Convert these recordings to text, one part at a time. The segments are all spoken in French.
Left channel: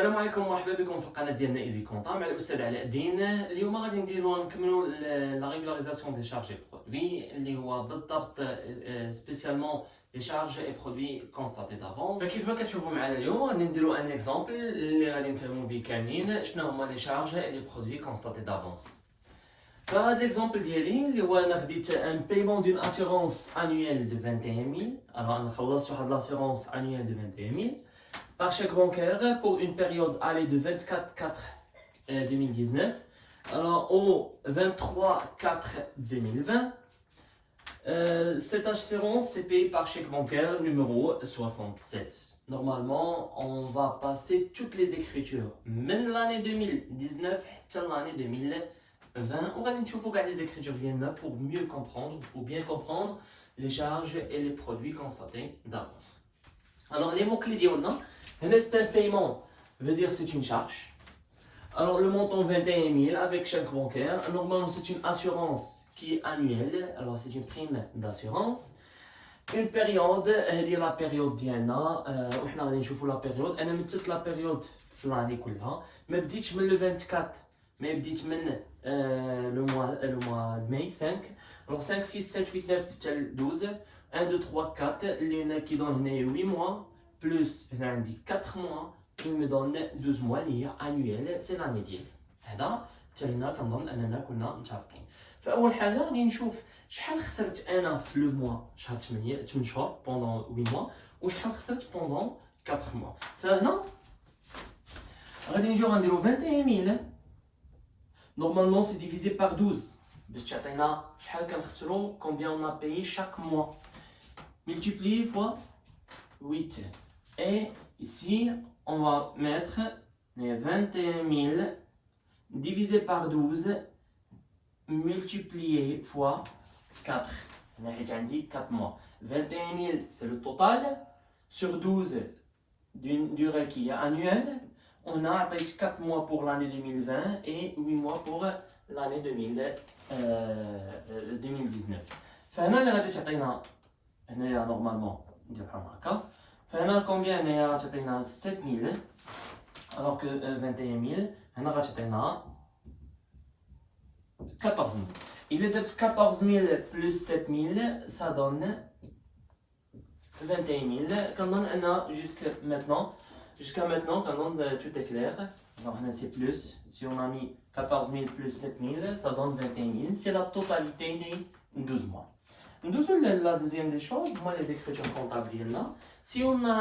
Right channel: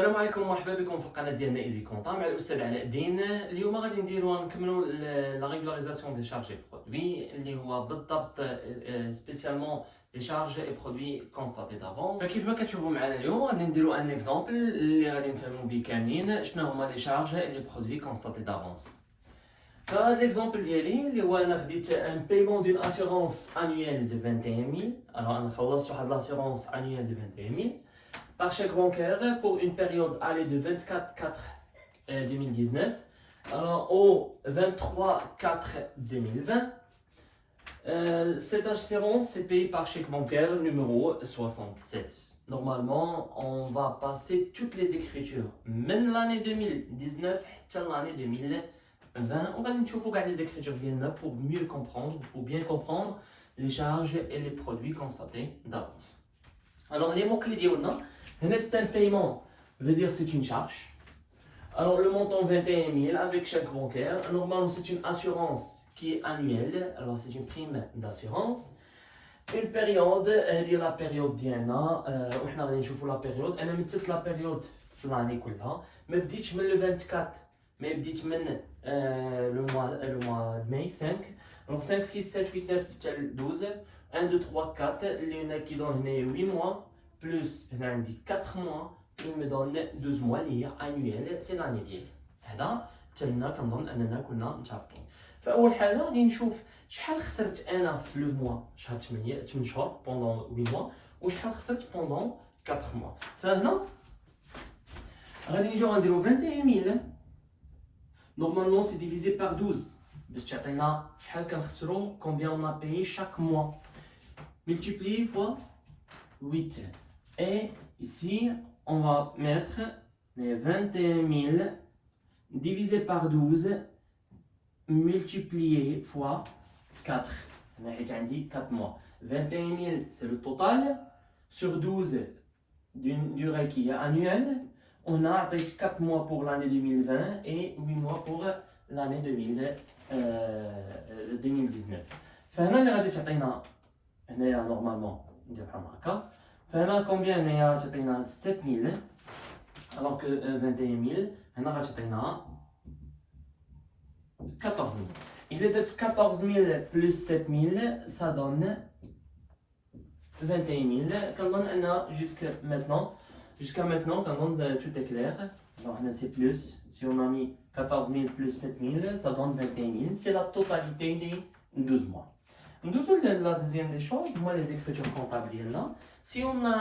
السلام عليكم ومرحبا بكم في القناه ديالنا ايزي كونطا مع الاستاذ علاء الدين. اليوم غادي نكملوا لا ريغولاريزاسيون دي شارج اي برودوي اللي هو بالضبط سبيسيالمون لي شارج اي برودوي كونستاتي دافونس. فكيف ما كتشوفوا معنا اليوم غادي نديروا ان اكزامبل اللي غادي نفهموا به كاملين شنو هما لي شارج اي لي برودوي كونستاتي دافونس. فهاد ليكزامبل ديالي اللي هو انا خديت ان بايمون دون اسيغونس انويل دو 21000. انا خلصت واحد لاسيغونس انويل دو 21000 par chèque bancaire pour une période allée de 24/4/2019 alors au 23/4/2020. Cette assurance c'est payé par chèque bancaire numéro 67. Normalement, on va passer toutes les écritures, même l'année 2019 jusqu'à l'année 2020. On va voir les écritures pour mieux comprendre, pour bien comprendre les charges et les produits constatés d'avance. Alors les mots-clés d'Iona. C'est un paiement, veut dire c'est une charge. Alors le montant 21 000 avec chèque bancaire. Normalement c'est une assurance qui est annuelle. Alors c'est une prime d'assurance. Une période, elle est la période Diana. On va voir la période. Elle est toute la période flânée كلها. Mais بديتش من le 24. Mais بديت من le mois de mai 5. Alors 5, 6, 7, 8, 9, 12. 1, 2, 3, 4. Les qui donnent 8 mois. Plus 4 mois, il me donne 12 mois liés annuels, c'est l'année ديالي. هذا تالينا كنظن اننا كنا متفقين. فاول حاجه غادي نشوف شحال خسرت انا في لو موا شهر 8 شهور بوندون 8 موا وشحال خسرت بوندون 4 موا. فهنا غادي نجيو غنديرو 21000 نورمالمون سي ديفيزي بار 12 باش تعطينا شحال كنخسرو combien on a payé chaque mois multiplié fois 8. Et ici, on va mettre les 21 000 divisé par 12 multiplié fois 4. On a dit 4 mois. 21 000, c'est le total. Sur 12 d'une durée qui est annuelle, on a 4 mois pour l'année 2020 et 8 mois pour l'année 2019. فهنا غادي تعطينا هنايا نورمالمون ندير بحال هكا. فهنا كومبيان هي تعطينا 7000 alors que 21000 هنا غتعطينا 14000. Il est de 14000 plus 7000 ça donne 21000. كنظن ان jusqu'à maintenant كنظن tout est clair. Alors هنا c'est plus, si on a mis 14000 plus 7000 ça donne 21000. C'est la totalité des 12 mois. La deuxième des choses, moi les écritures comptables là. Si on a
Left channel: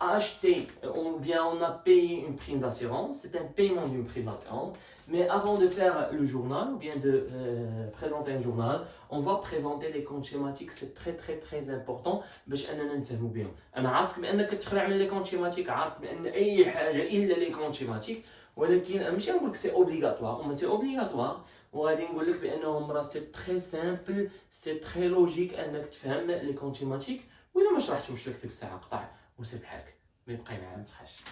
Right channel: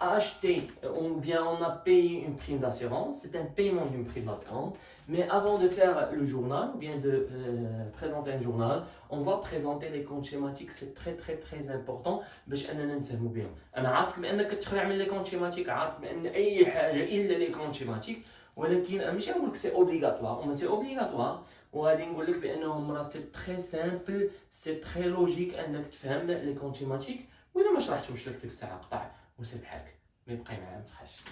acheté ou bien on a payé une prime d'assurance, c'est un paiement d'une prime d'assurance. Mais avant de faire le journal ou bien de présenter un journal, on va présenter les comptes schématiques. C'est très important باش اننا نفهموا بهم. انا عارف بانك تخلع من لي كونت شيماتيك، عارف بان اي حاجه الا لي كونت شيماتيك، ولكن ماشي نقول لك سي اوبليغاتوار، ما سي اوبليغاتوار. وغادي نقول لك بانهم راه سي تري سامبل سي تري لوجيك انك تفهم لي كونت شيماتيك. واذا ما شرحتهمش لك ديك الساعه قطع وسير بحالك ما يبقى معايا ما تخافش.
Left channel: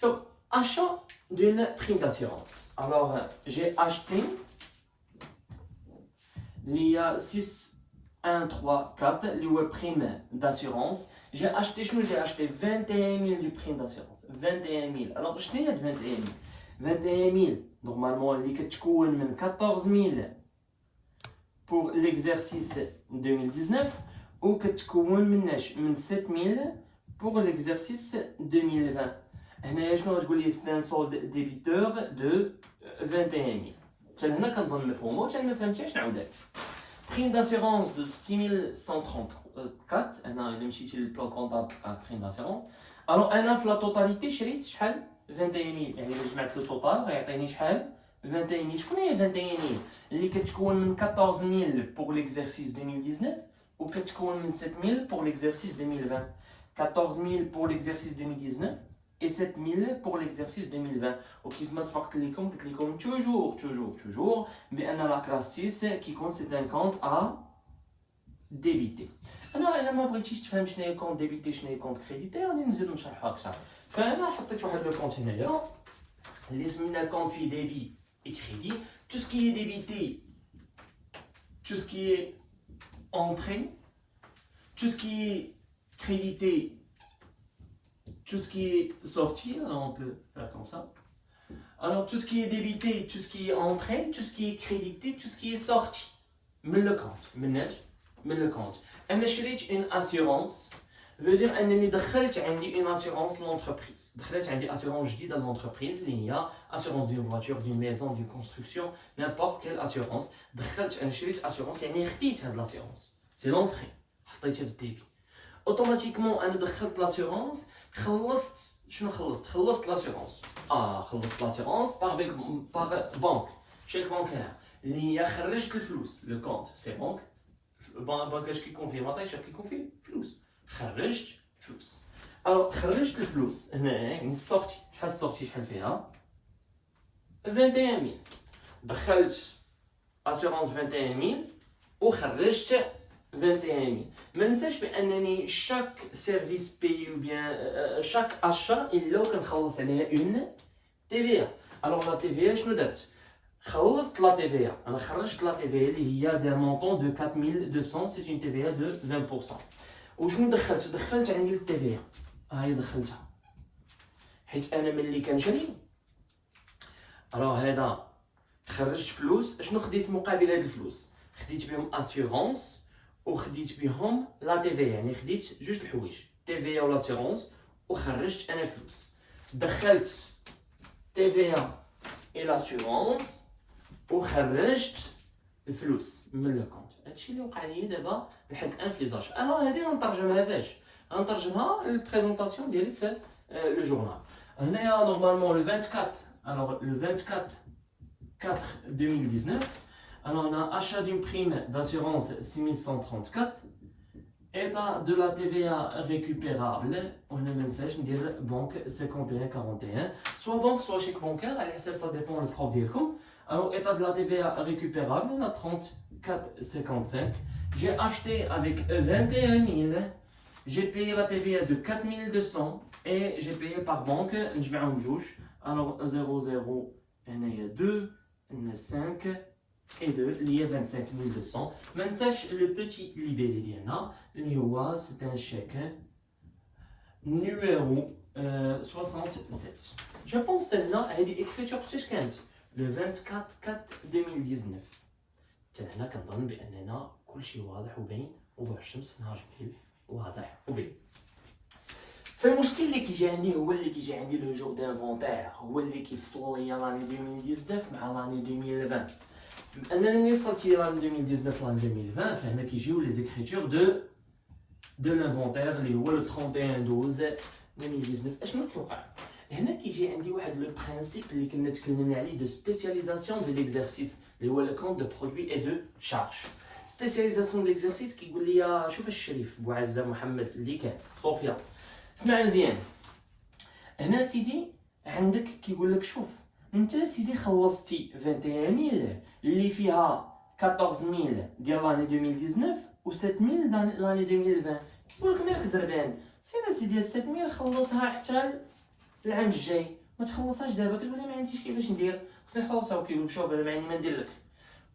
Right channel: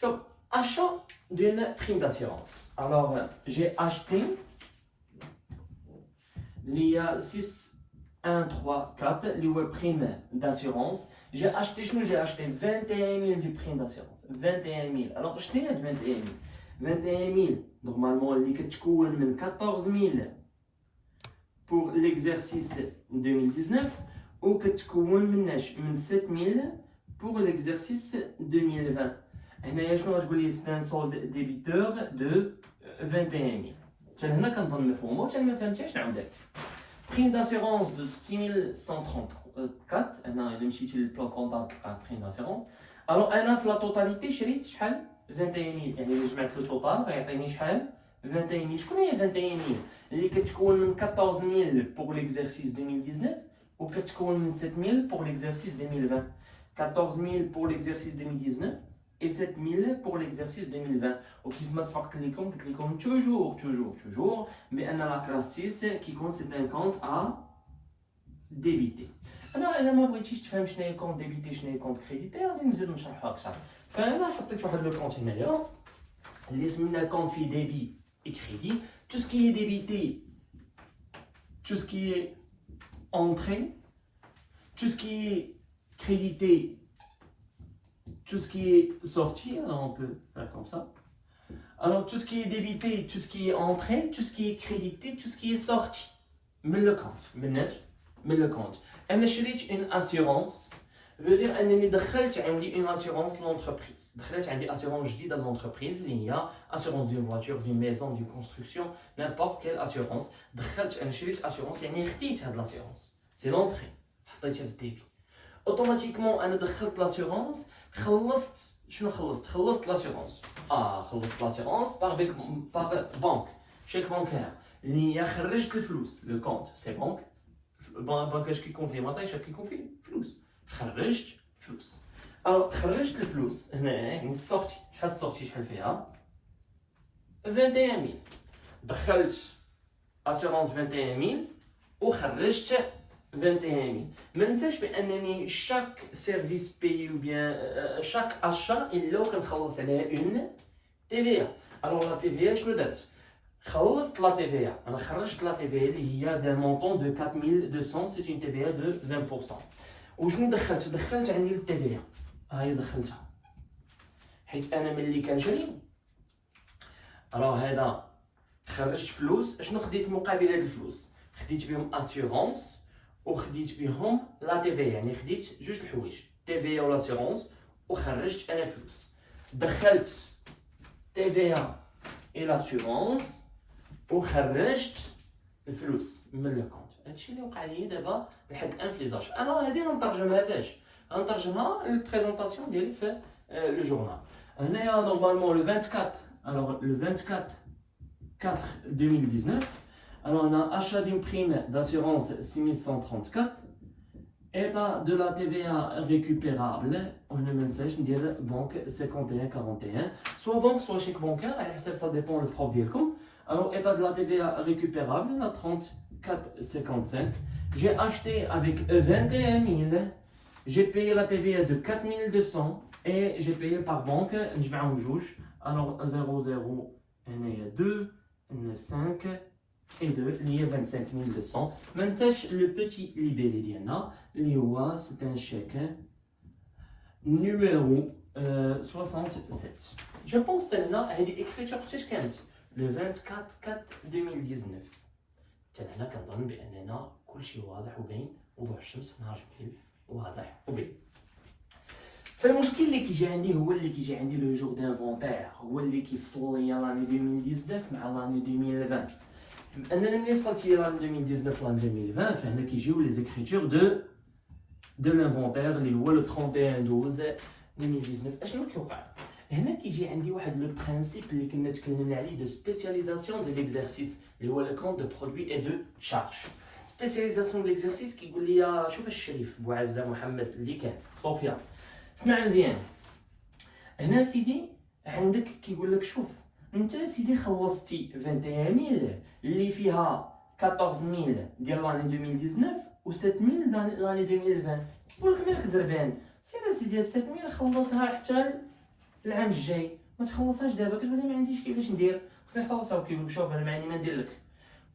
شوف achat d'une prime d'assurance. Alors j'ai acheté il y a 6 1 3 4 les prime d'assurance. J'ai acheté 21000 de prime d'assurance. 21000. Alors شنو هي 21000 21000 normalement اللي كتكون من 14000 pour l'exercice 2019 ou كتكون من 7000 pour l'exercice 2020. هنايا شنو غتقول لي c'est un solde débiteur de 21000. حتى هنا كنظن مفهومه، حتى ما فهمتيش نعاودك. prime d'assurance de 6134. هنا الا مشيتي للبلان كونطابل تلقى prime d'assurance. alors انا في لا توتاليتي شريت شحال 21000 يعني الا جمعت لو توتال غيعطيني شحال 21000. شكون هي 21000 اللي كتكون من 14000 pour l'exercice 2019 ou كتكون من 7000 pour l'exercice 2020. 14000 pour l'exercice 2019 et 7000 pour l'exercice 2020. وكيف ما سبقت لكم قلت لكم toujours بان لا كلاس 6 كيكون سي ان كونت ا ديبيتي. انا الا ما بغيتيش تفهم شنو هي كونت ديبيتي شنو هي كونت كريديتي غادي نزيد نشرحها اكثر. فانا حطيت واحد لو كونت هنايا اللي سمينا كونت في ديبي اي كريدي. tout ce qui est débité, tout ce qui est entrée, tout ce qui est crédité tout ce qui est sorti, alors on peut faire comme ça. Alors tout ce qui est débité, tout ce qui est entré, tout ce qui est crédité, tout ce qui est sorti. Mais le compte, mais le compte. أنا شريت une assurance. veut dire أنني دخلت عندي une assurance l'entreprise. دخلت عندي assurance جديدة l'entreprise اللي هي assurance d'une voiture, d'une maison, d'une construction, n'importe quelle assurance. دخلت أنا شريت assurance يعني خديت هاد l'assurance. C'est l'entrée. حطيتها في الديبي. Automatiquement أنا دخلت l'assurance. خلصت شنو خلصت l'assurance. خلصت l'assurance par banque. Chèque bancaire. اللي هي خرجت الفلوس. Le compte c'est banque. banque اش كيكون فيه مطيش كيكون فيه فلوس. خرجت فلوس. الوغ خرجت الفلوس هنا يعني السورتي شحال السورتي شحال فيها 21000 دخلت اسيرونس 21000 وخرجت 21000 ما ننساش بانني شاك سيرفيس بي او بيان شاك اشا الا كنخلص عليها اون تي في الوغ لا تي في شنو درت خلصت لا تي في انا خرجت لا تي في اللي هي دو مونطون دو 4200 سي اون تي في دو 20%. وشنو دخلت عندي التي في هاي دخلتها حيت انا ملي كنشري الوغ هذا خرجت فلوس شنو خديت مقابل هاد الفلوس خديت بهم اسيورونس وخديت بهم لا تي في يعني خديت جوج الحوايج تي في و لاسيورونس وخرجت انا فلوس دخلت تي في اي لاسيورونس وخرجت الفلوس من لو كونت هادشي اللي وقع لي دابا بحال انفليزاج انا هادي غنترجمها فاش غنترجمها للبريزونطاسيون ديالي في لو جورنال هنايا نورمالمون لو 24 alors le 24 4 2019 alors on a achat d'une prime d'assurance 6134 état de la TVA récupérable on a message ندير banque 5141 soit banque soit chèque bancaire على حسب ça dépend le prof ديالكم alors état de la TVA récupérable on a 34,55 j'ai acheté avec 21 000 j'ai payé la TVA de 4200 et j'ai payé par banque نجمعهم بجوج alors 00 هنايا 2 5 et 2 اللي هي 25200 ما ننساش لو بوتي ليبيلي ديالنا اللي هو c'est un chèque numéro 67 je pense celle-là هذه écriture حتى كانت le 24 4 2019 حتى هنا كنظن باننا كلشي واضح وباين وضوح الشمس في نهار جميل واضح وباين فالمشكل اللي كيجي عندي هو اللي كيجي عندي لو جور دانفونتير هو اللي كيفصل ليا لاني 2019 مع لاني 2020 انا ملي وصلت لاني 2019 لاني 2020 فهنا كيجيو لي زيكريتور دو لانفونتير اللي هو لو 31 12 2019 اشنو كيوقع هنا كيجي عندي واحد لو برينسيپ اللي كنا تكلمنا عليه دو سبيسياليزاسيون دو ليكزارسيس اللي هو لو كونت دو برودوي اي دو شارج سبيسياليزاسيون دو ليكزارسيس كيقول لي شوف الشريف بوعزه محمد اللي كان صوفيا اسمع مزيان هنا سيدي عندك كيقول لك شوف انت سيدي خلصتي 21000 اللي فيها 14000 ديال لاني 2019 و 7000 لاني 2020 كيقول لك مالك زربان سيدي سيدي 7000 خلصها حتى العام الجاي ما تخلصهاش دابا كتقول ما عنديش كيفاش ندير خصني نخلصها وكيقول شوف انا ما عندي ما ندير لك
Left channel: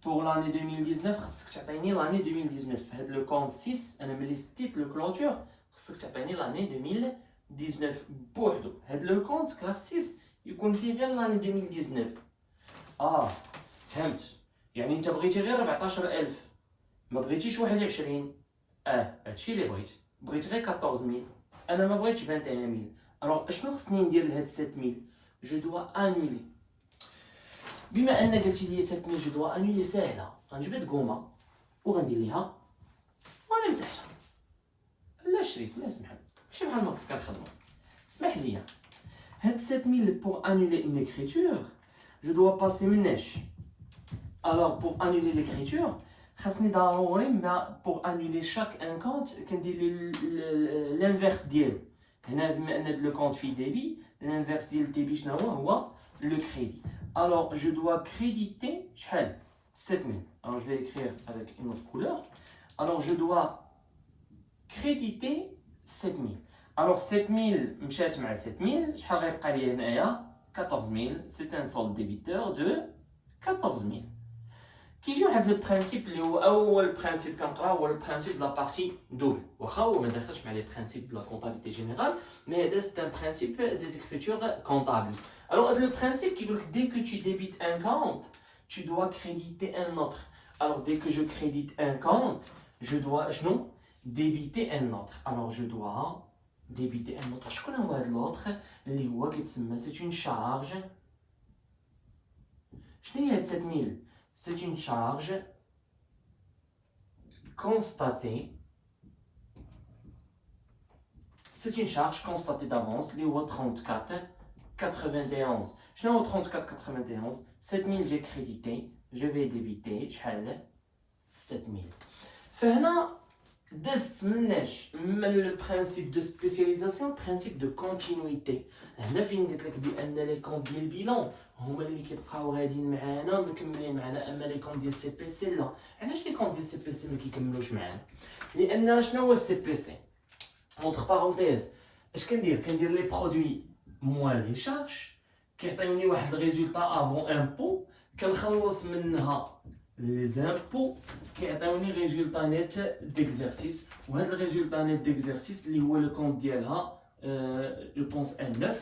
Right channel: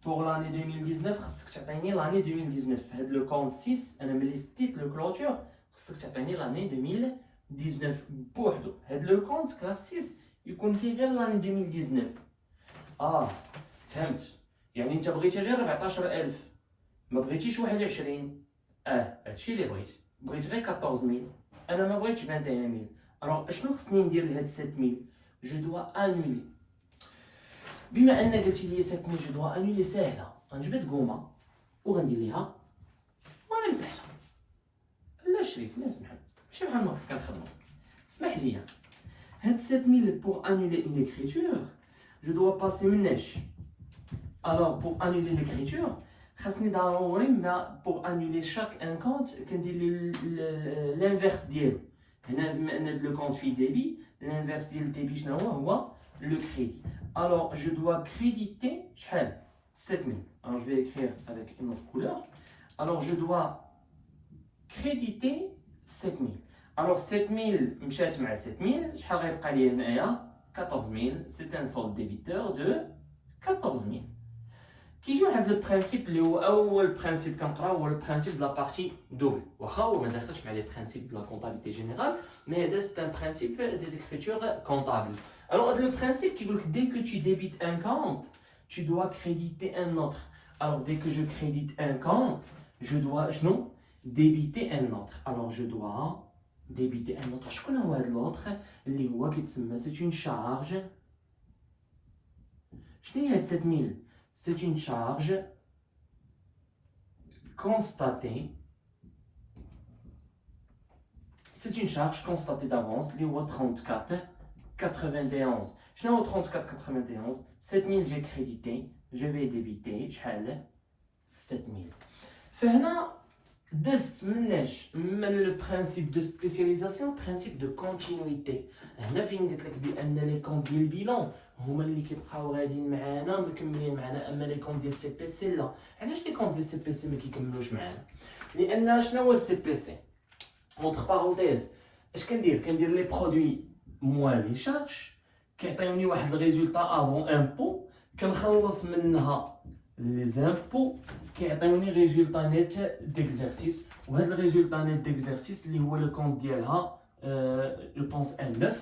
بوغ لاني 2019 خصك تعطيني لاني 2019 هاد لو كونت 6 انا ملي ستيت لو كلوتور خصك تعطيني لاني 2019 بوحدو هاد لو كونت كلاس 6 يكون فيه غير لاني 2019 فهمت يعني انت بغيتي غير 14000 ما بغيتيش 21 هادشي اللي بغيت غير 14000 انا ما بغيتش 21000 الوغ اشنو خصني ندير لهاد 7000 جو دوا انولي بما ان قلتي لي 7000 جو دوا انولي ساهله غنجيب هاد الكومه وغندير ليها وانا مسحتها لا شريك لا سمح ماشي بحال ما كنت كنخدمو اسمح لي هاد 7000 pour annuler une écriture je dois passer une neige alors pour annuler l'écriture خاصني ضروري ما pour annuler chaque un compte كندير l'inverse ديالو هنا بما ان لو كونت فيه ديبي l'inverse ديال الديبي شنو هو le crédit alors je dois créditer شحال 7000 alors je vais écrire avec une autre couleur alors je dois créditer 7000 alors 7000 مشات مع 7000 شحال غيبقى لي هنايا 14000 c'est un solde débiteur de 14000 كيجي واحد لو برينسيپ اللي هو اول برينسيپ كنقراو هو البرينسيپ دو لا بارتي دوبل واخا هو ما داخلش مع لي برينسيپ دو لا كونطابيلتي جينيرال مي هذا سي ان برينسيپ دي زيكريتور كونطابل الوغ هذا لو برينسيپ كيقول لك dès que tu débites un compte tu dois créditer un autre alors dès que je crédite un compte je dois شنو débiter un autre alors je dois débiter un autre شكون هو هذا l'autre اللي هو كيتسمى c'est une charge شنو هي هاد 7000 c'est une charge constatée. C'est une charge constatée d'avance, li هو 34,91. شنو هو 34,91 7000 j'ai crédité, je vais débiter شحال 7000. فهنا دزت مناش من لو برينسيپ دو سبيسياليزاسيون برينسيپ دو كونتينيتي هنا فين قلت لك بان لي كونت ديال البيلون هما اللي كيبقاو غاديين معانا مكملين معانا اما لي كونت ديال سي بي سي لا علاش لي كونت ديال سي بي سي ما كيكملوش معانا لان شنو هو السي بي سي اونتر بارونتيز اش كندير لي برودوي موان لي شارج كيعطيوني واحد الريزولطا افون امبو كنخلص منها لي زامبو كيعطيوني ريزولطا نيت ديكزارسيس وهذا الريزولطا نيت ديكزارسيس اللي هو لو كونت ديالها جو بونس ان 9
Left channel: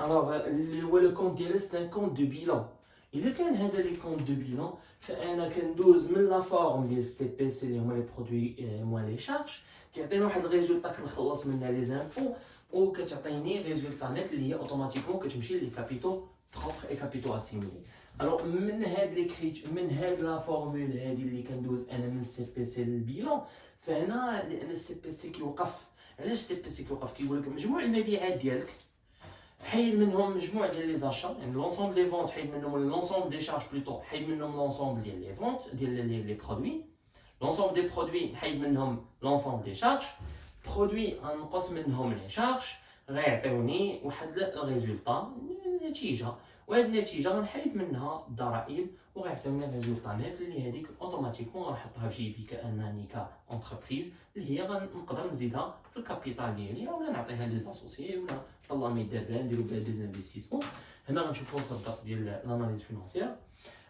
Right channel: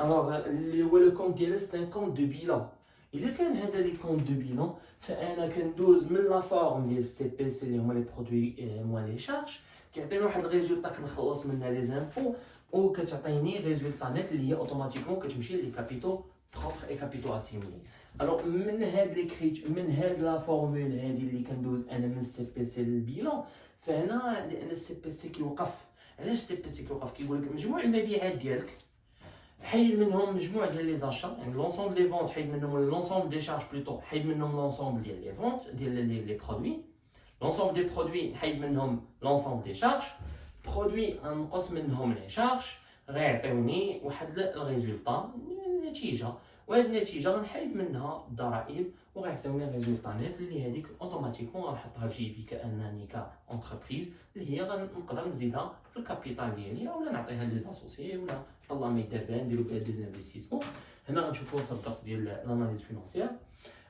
الوغ اللي هو لو كونت ديالها سي ان كونت دو بيلون الا كان هذا لي كونت دو بيلون فانا كندوز من لا فورم ديال السي بي سي اللي هما لي برودوي موان لي شارج كيعطيني واحد الريزولطا كنخلص منها لي زامبو وكتعطيني ريزولطا نيت اللي هي اوتوماتيكمون كتمشي لي كابيتو بروبر اي كابيتو اسيميلي الوغ من هاد ليكريت من هاد لا فورمول هادي اللي كندوز انا من السي بي سي للبيلون فهنا لان السي بي سي كيوقف علاش السي بي سي كيوقف كيقول لك مجموع المبيعات ديالك حيد منهم مجموع ديال لي زاشا يعني لونسومبل دي فونت حيد منهم لونسومبل دي شارج بلوتو حيد منهم لونسومبل ديال لي فونت ديال لي برودوي لونسومبل دي برودوي حيد منهم لونسومبل دي شارج برودوي نقص منهم لي شارج غيعطيوني واحد الريزولطا نتيجه وهاد النتيجه غنحيد منها الضرائب وغيعطيوني الريزولطا نيت اللي هذيك اوتوماتيكمون غنحطها في جيبي كانني كونتربريز اللي هي غنقدر نزيدها في الكابيتال ديالي ولا نعطيها لي زاسوسيي ولا الله ما يدير بها نديرو بها دي زانفيستيسمون هنا غنشوفو في الدرس ديال لاناليز فينانسيير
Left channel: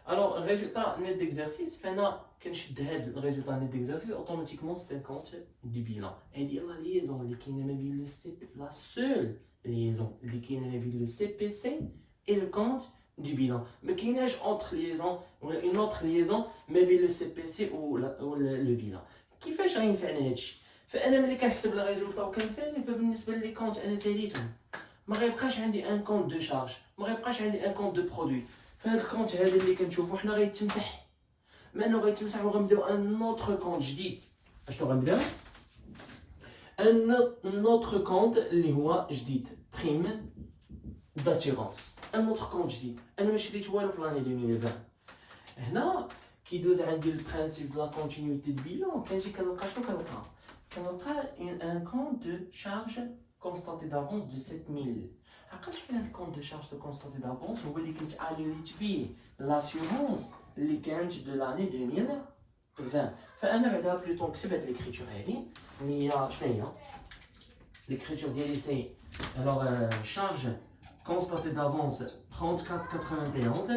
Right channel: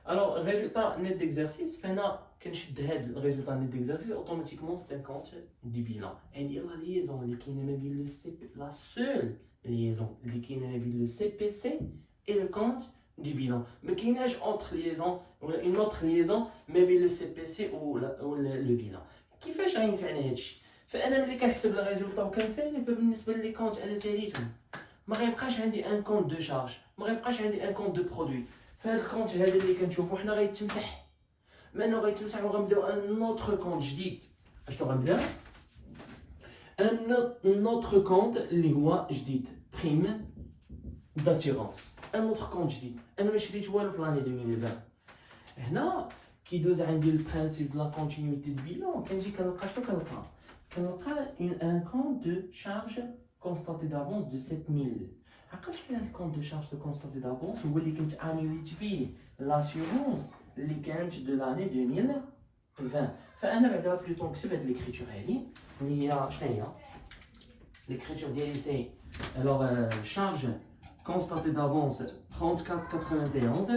الوغ الريزولطا نيت ديكزارسيس فهنا كنشد هاد الريزولطا نيت ديكزارسيس اوتوماتيكمون سي ان كونت دي بيلون هادي لا ليزون اللي كاينه ما بين لو سي لا سول ليزون اللي كاينه ما بين لو سي بي سي et le compte du bilan. Mais qu'il y a une autre liaison mais avec le CPC ou le bilan. Qui fait rien faire هادشي فانا ملي كنحسب لي ريزولطا وكنسالي فبالنسبه لي كونت انا ساليتهم ما غيبقاش عندي ان كونت دو شارج ما غيبقاش عندي ان كونت دو برودوي فهاد الكونت هذا اللي كنشوفو حنا غيتمسح منو غيتمسح وغنبداو ان اوتر كونت جديد اشنو غنبدا ان اوتر كونت اللي هو جديد بريم داسيغونس ان اوتر كونت جديد انا ما شريت والو في لاني 2020 هنا كيدوز عندي البرينسيپ دو لا كونتينيتي دو بيلون كنجي كنلقى شنو كنلقى ان كونت دو شارج كونستاتي دافونس دو 7000 عقلت شكون هاد الكونت دو شارج دو كونستاتي دافونس هو اللي كنت انوليت فيه لاسيورونس اللي كانت دو لاني 2020 فانا بعدا بلوتو نكتب هاد ليكريتور هادي اللي هي شنو هي ليكريتور ديالي سي الوغ شارج constaté d'avance 34,91.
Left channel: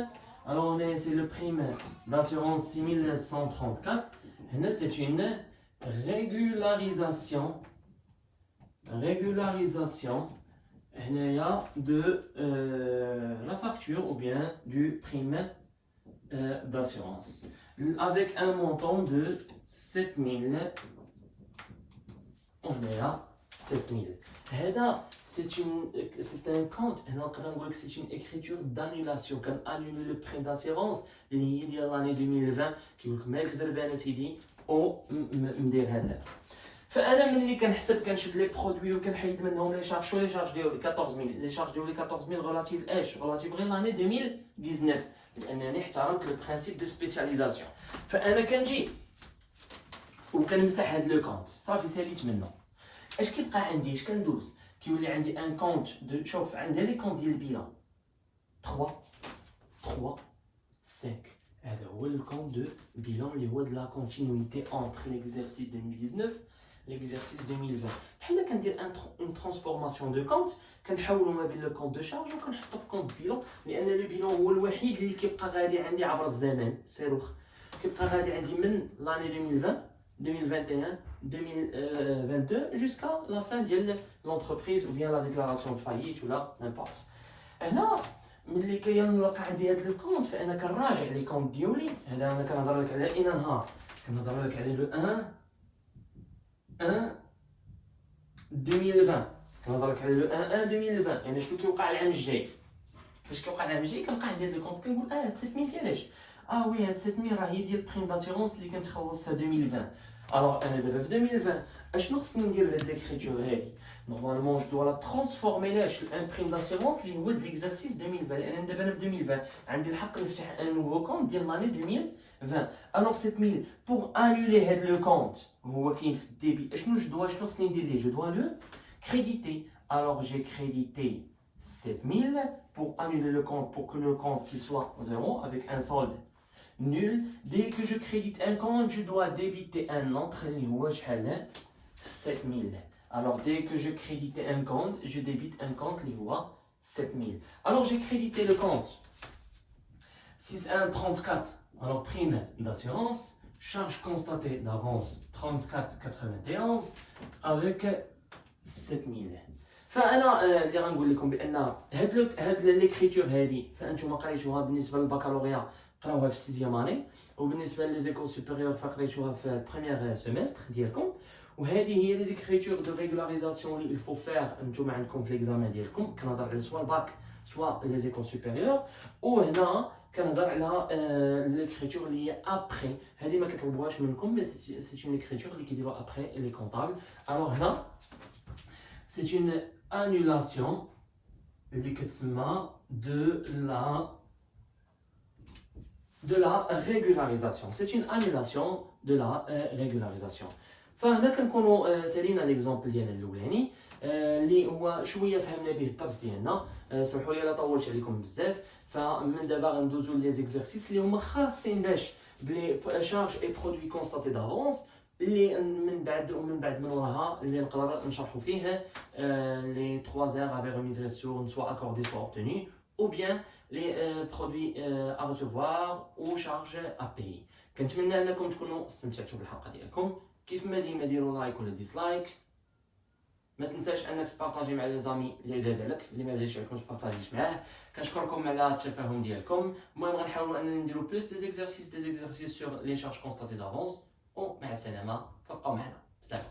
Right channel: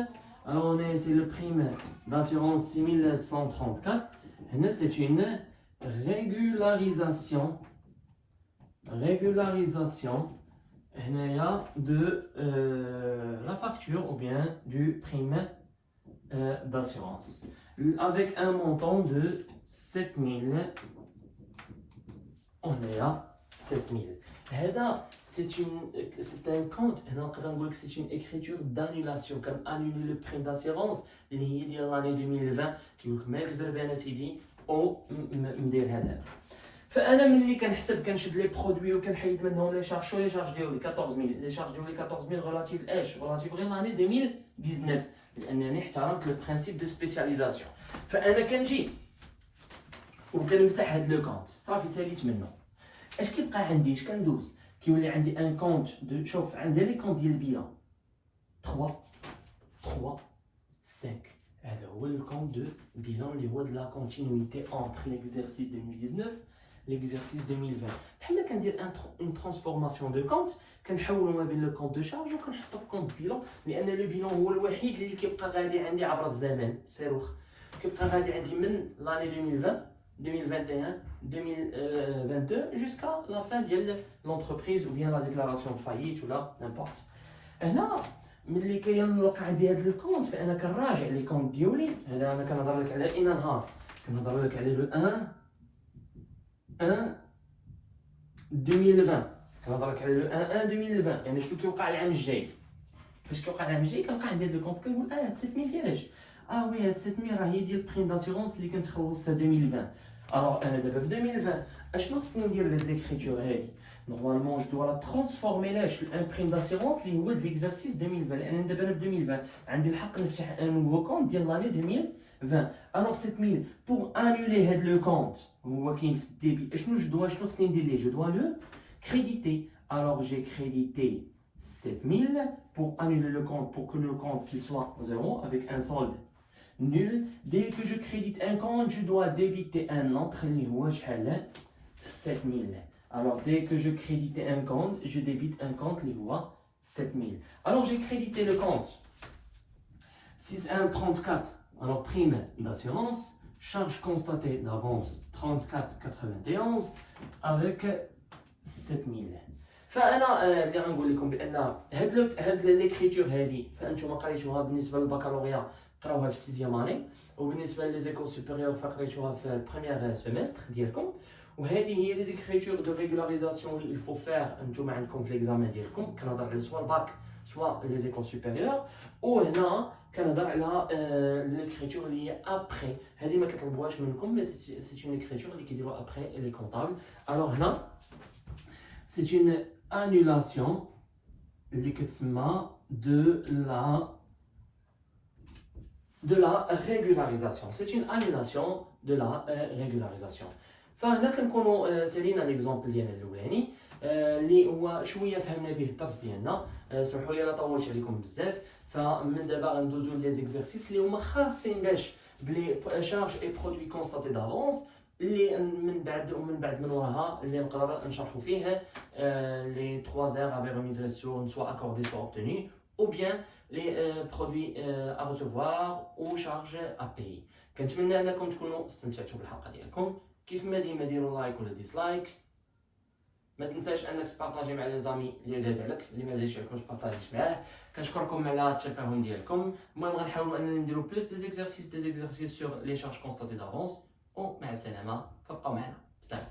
Alors on a ici le prime d'assurance 6134. C'est une régularisation de la facture ou bien du prime d'assurance avec un montant de 7000. On est à 7000. C'est un compte, c'est une écriture d'annulation. Quand annuler le prime d'assurance, l'année 2020, qui vous met le سيدي او ندير هذا. فانا ملي كنحسب كنشد لي برودوي وكنحيد منهم لي شارج شويه لي شارج ديالي 14000 لي شارج ديالي 14000 ريلاتيف اش ريلاتيف غير لاني 2019 لانني احترمت لو برينسيپ دو سبيسياليزاسيون فانا كنجي وكنمسح هاد لو كونت صافي ساليت منه اش كيبقى عندي اش كندوز كيولي عندي ان كونت دو شوف عندي لي كونت ديال البيلون 3 5 هذا هو لو كونت دو بيلون اللي هو دو لا كونتينيتي انتر ليكزارسيس 2019 ليكزارسيس 2020 بحال كندير ان ترانسفورماسيون دو كونت كنحولو ما بين لو كونت دو شارج وكنحطو في كونت بيلون لان لو بيلون هو الوحيد اللي كيبقى غادي عندي عبر الزمن صاروخ كيبقى غادي عندي من l'année 2020 2021 2022 jusqu'à la fin ديال l'entreprise ou bien la déclaration de faillite ou la n'importe. هنا ملي كيلقى عندي هذا الكونت فانا كنراجع لي كونت ديالي. هذا انا كنهضر لك على اين نهار، كنهضر لك على لو 1 2020، كنهضر لك على لو 1 2020. يعني شنو كيوقع العام الجاي؟ فاش كيوقع العام الجاي كنلقى عندي هذا الكونت كنقول هاد 7000 ديالاش؟ وي هاد 7000 راه هي ديال بريم داسيغونس اللي كنت خلصتها 2020. الوغ انا دابا في 2020 اشنو خصني ندير لهاد ليكريتور هادي؟ نورمالمون جو دوا لا ترانسفورمي لاش ان بريم داسيغونس اللي هو ديكزارسيس 2020، لان دابا انا في 2020 عندي الحق نفتح ان نوفو كونت ديال لاني 2020. الوغ 7000 بور انولي هاد لو كونت هو كاين في الديبي. شنو خصني ندير ليه؟ جو دوا لو كريديتي. الوغ جي كريديتي 7000 pour annuler le compte, pour que le compte qu'il soit 0 avec un solde nul. Dès que je crédite un compte, je dois débiter un autre اللي هو شحال 7000. Alors dès que je crédite un compte, je débite un compte اللي هو 7000. Alors j'ai crédité le compte 6134. Alors prime d'assurance, charge constatée d'avance 34,91 avec 7000. فانا اللي غنقول لكم بان هاد ليكريتور هادي فانتم قريتوها بالنسبه للبكالوريا قراوها في السيزيام اني، وبالنسبه ليزيكول سوبيريور فقريتوها في البريمير سيمستر ديالكم. وهذه هي لي زيكريتور دو ريغولاريزاسيون اللي الفو فير انتم عندكم في ليكزامان ديالكم. كنهضر على سوا الباك سوا ليزيكول سوبيريور. وهنا كنهضر على ليكريتور اللي هي ابري. هذه ما كطلبوهاش منكم، مي سي اون ليكريتور اللي كيديروها ابري لي كونطابل. الوغ هنا c'est une annulation اللي كتسمى de la régularisation. C'est une annulation de la régularisation. فهنا كنكونوا سالينا ليكزامبل ديالنا الاولاني اللي هو شويه فهمنا به الدرس ديالنا. سمحوا لي الا طولت عليكم بزاف. فمن دابا غندوزو لي زيكزارسيس اللي هما خاصين باش بلي شارج اي برودوي كونستاتي دافونس، اللي من وراها اللي نقدر نشرحوا فيه les 3 heures avec remise sur soit accordées soit obtenues, ou bien les produits à recevoir ou charges à payer. كنتمنى انكم تكونوا استمتعتوا بالحلقه ديالكم. كيف ما ديما ديروا لايك ولا ديسلايك. ما تنساش انك تبارطاجي مع لي زامي اللي عزاز عليك، اللي ما عزازش عليكم تبارطاجيش معاه. كنشكركم على التفاهم ديالكم. المهم غنحاولوا اننا نديروا بلوس دي زيكزارسيس سور لي شارج كونستاتي دافونس. ومع السلامه، فابقوا معنا. سلام.